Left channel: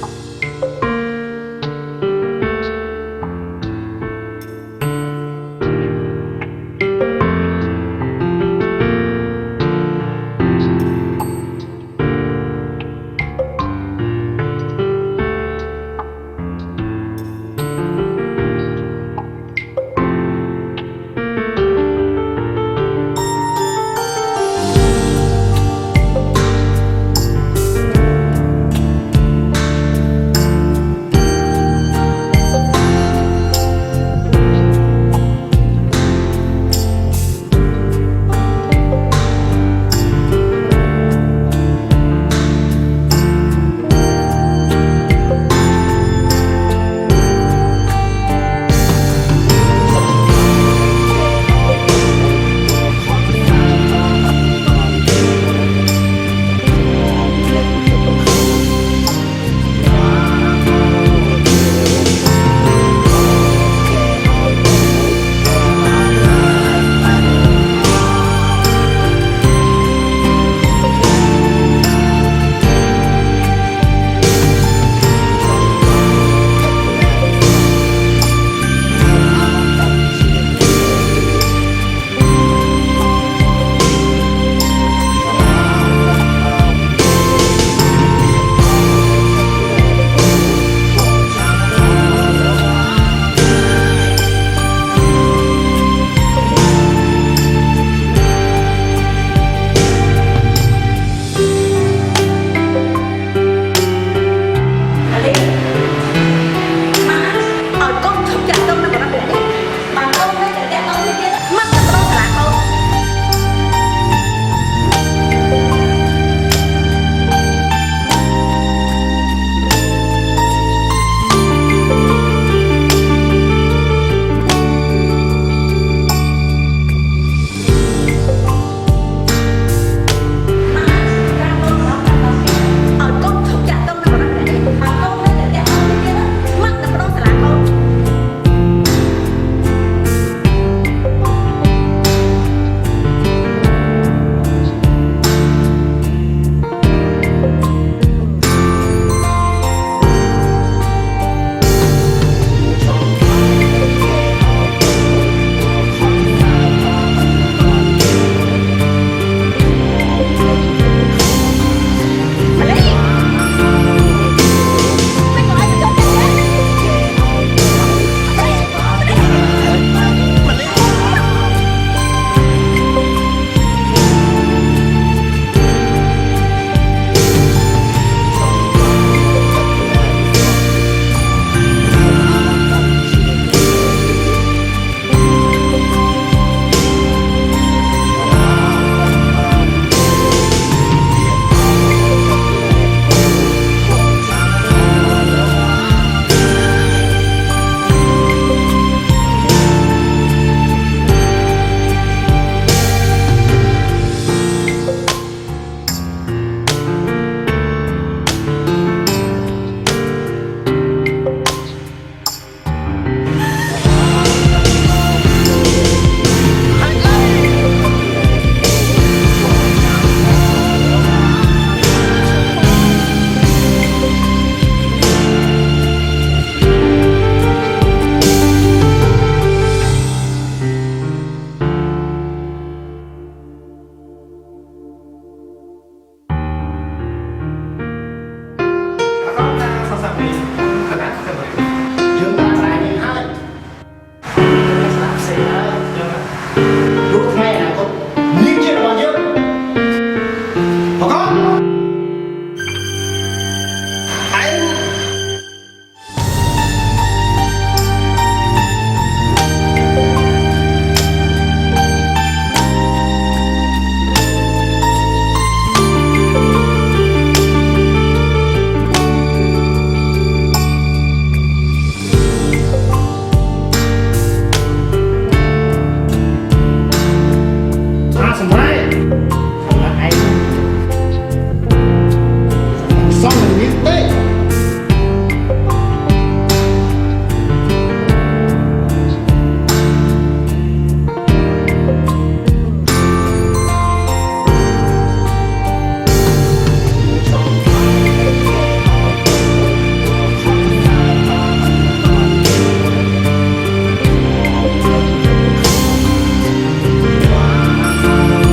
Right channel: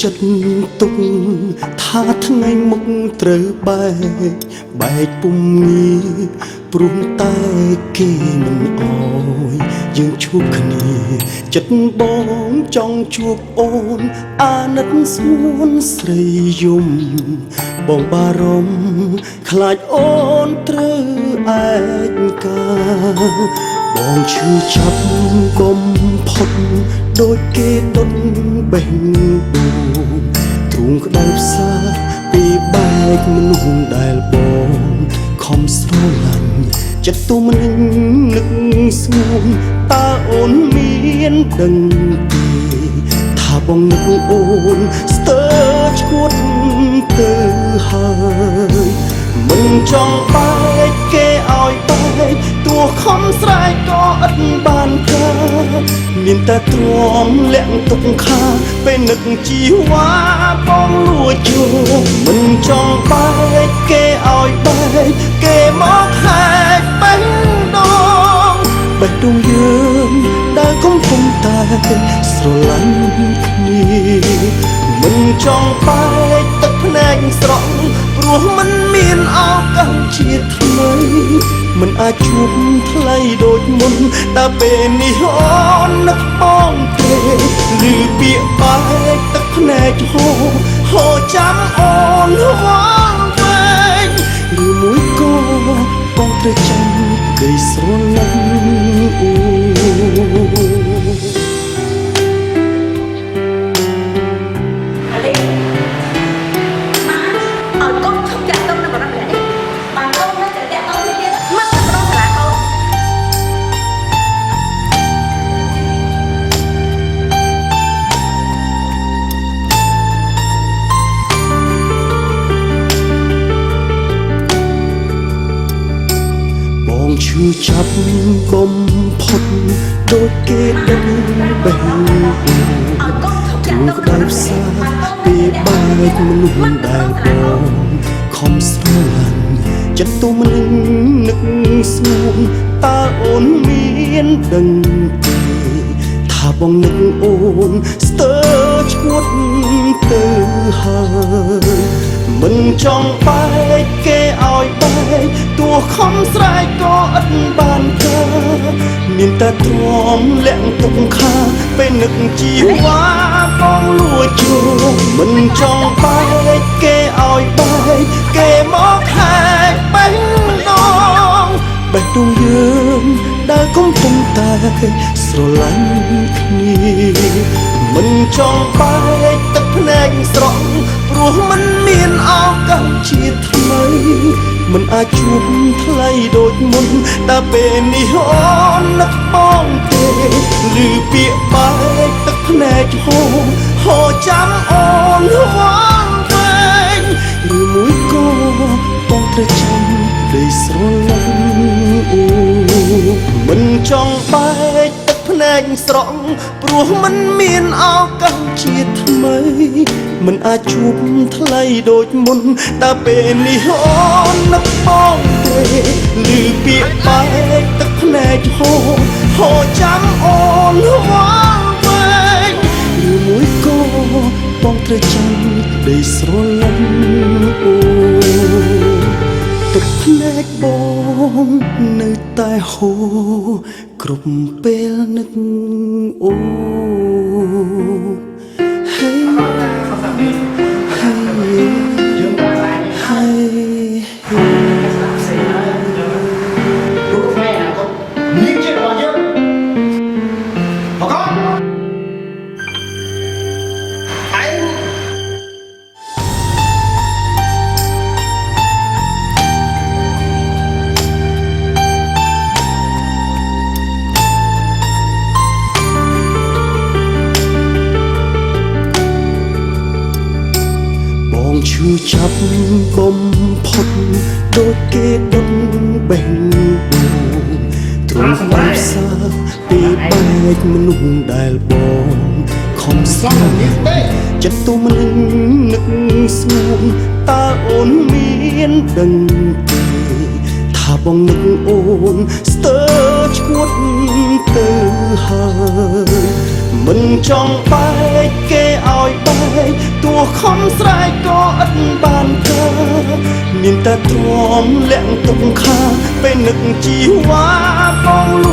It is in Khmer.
ចិត្តទុកថាថ្ងៃមុខត្រូវបែកពុំងាយព្រោះតែគេមិនអោយយើងជួបគ្នាចិត្តបងចង់ជួបអូនអាណិតស្មួនស្រីយំបងបារម្ភខ្លាចអូនត្រូវឯកាបងឈឺចាប់បំផុតដូចគេដុតបេះធូងក្តៅផ្សាពីបែកមនុស្សដែលបងខំស្រឡាញ់ចិត្តទូមិននឹកស្មួនតើអូនមានដឹងទេថាបងនឹកអូនស្ទើរឈួតទៅហើយមិនចង់បែកគេឲ្យបែកទោះខំស្រែកក៏ឥតបានកើតមានតែទ្រាំលាក់ទុកខាពេលនឹកជីវ៉ាបងលួចជួបមិនចង់បែកគេឲ្យបែកគេមកហែកបេះដូងបេះដូងយើងដែលកំពុងតែស្រឡាញ់គ្នាមិនចង់បែកទឹកភ្នែកស្រស់ព្រោះមិនមានឱកាសជាថ្មីមិនអាចជួបថ្លៃដូចមុនតែពេលនេះអូននឹកបងទេឮពាក្យបែកទឹកភ្នែកហូរចាំអូនវ៉ាវែងឬមួយក៏បងត្រូវចាំគេស្រឡាញ់អាលីម៉ាឲ្យកូនឈប់ចាក់ទុំនៅបរិបទនេះបានកូននៅតែតាក់តងនេះទៀតមកទៅប្រងសាលាកូនបងឈឺចាប់បំផុតដូចគេដុតបេះឲ្យកូនឈប់ចាក់ទុំនៅបរិបទនេះបានកូននៅតែតាក់តងនេះទៀតមកទៅប្រងសាលាកូនខំស្រឡាញ់ចិត្តទូមិននឹកស្មួនតើអូនមានដឹងទេថាបងនឹកអូនស្ទើរឈួតទៅហើយមិនចង់បែកគេឲ្យបែកទោះខំស្រែកក៏ឥតបានកើតមានតែទ្រាំលាក់ទុកខាពេលនឹកជីវ៉ាបងលួចជួបមិនចង់បែកគេឲ្យបែកគេមកហែកបេះដូងបេះដូងយើងដែលកំពុងតែស្រឡាញ់គ្នាមិនចង់បែកទឹកភ្នែកស្រស់ព្រោះមិនមានឱកាសជាថ្មីមិនអាចជួបថ្លៃដូចមុនតែពេលនេះអូននឹកបងទេឮពាក្យបែកទឹកភ្នែកហូរចាំអូនវ៉ាវែងឬមួយក៏បងត្រូវចាំពេលស្រឡាញ់មិនចង់បែកទឹកភ្នែកស្រស់ព្រោះមិនមានឱកាសជាថ្មីមិនអាចជួបថ្លៃដូចមុនតែពេលនេះអូននឹកបងទេឮពាក្យបែកទឹកភ្នែកហូរចាំអូនវ៉ាវែងឬមួយក៏បងត្រូវចាំពេលស្រឡាញ់ទឹកភ្នែកបងនៅតែហូរគ្រប់ពេលនឹកអូយើងប្រាក់ដែរហើយស្ដាប់សេហើយយើងរូបថ្ងៃអនាគតនាងជារបស់យើងបកនចាប់បំផុតដូចគេដុតបេះទ្រាំសម្រាប់ពីឯងមនុស្សដែលបងខំសងនេះទេចិត្តទូមិននឹកស្មួនតើអូនមានដឹងទេថាបងនឹកអូនស្ទើរឈួតទៅហើយមិនចង់បែកគេឲ្យបែក លាក់ទុកខាងពេលនឹកជីវ៉ាកង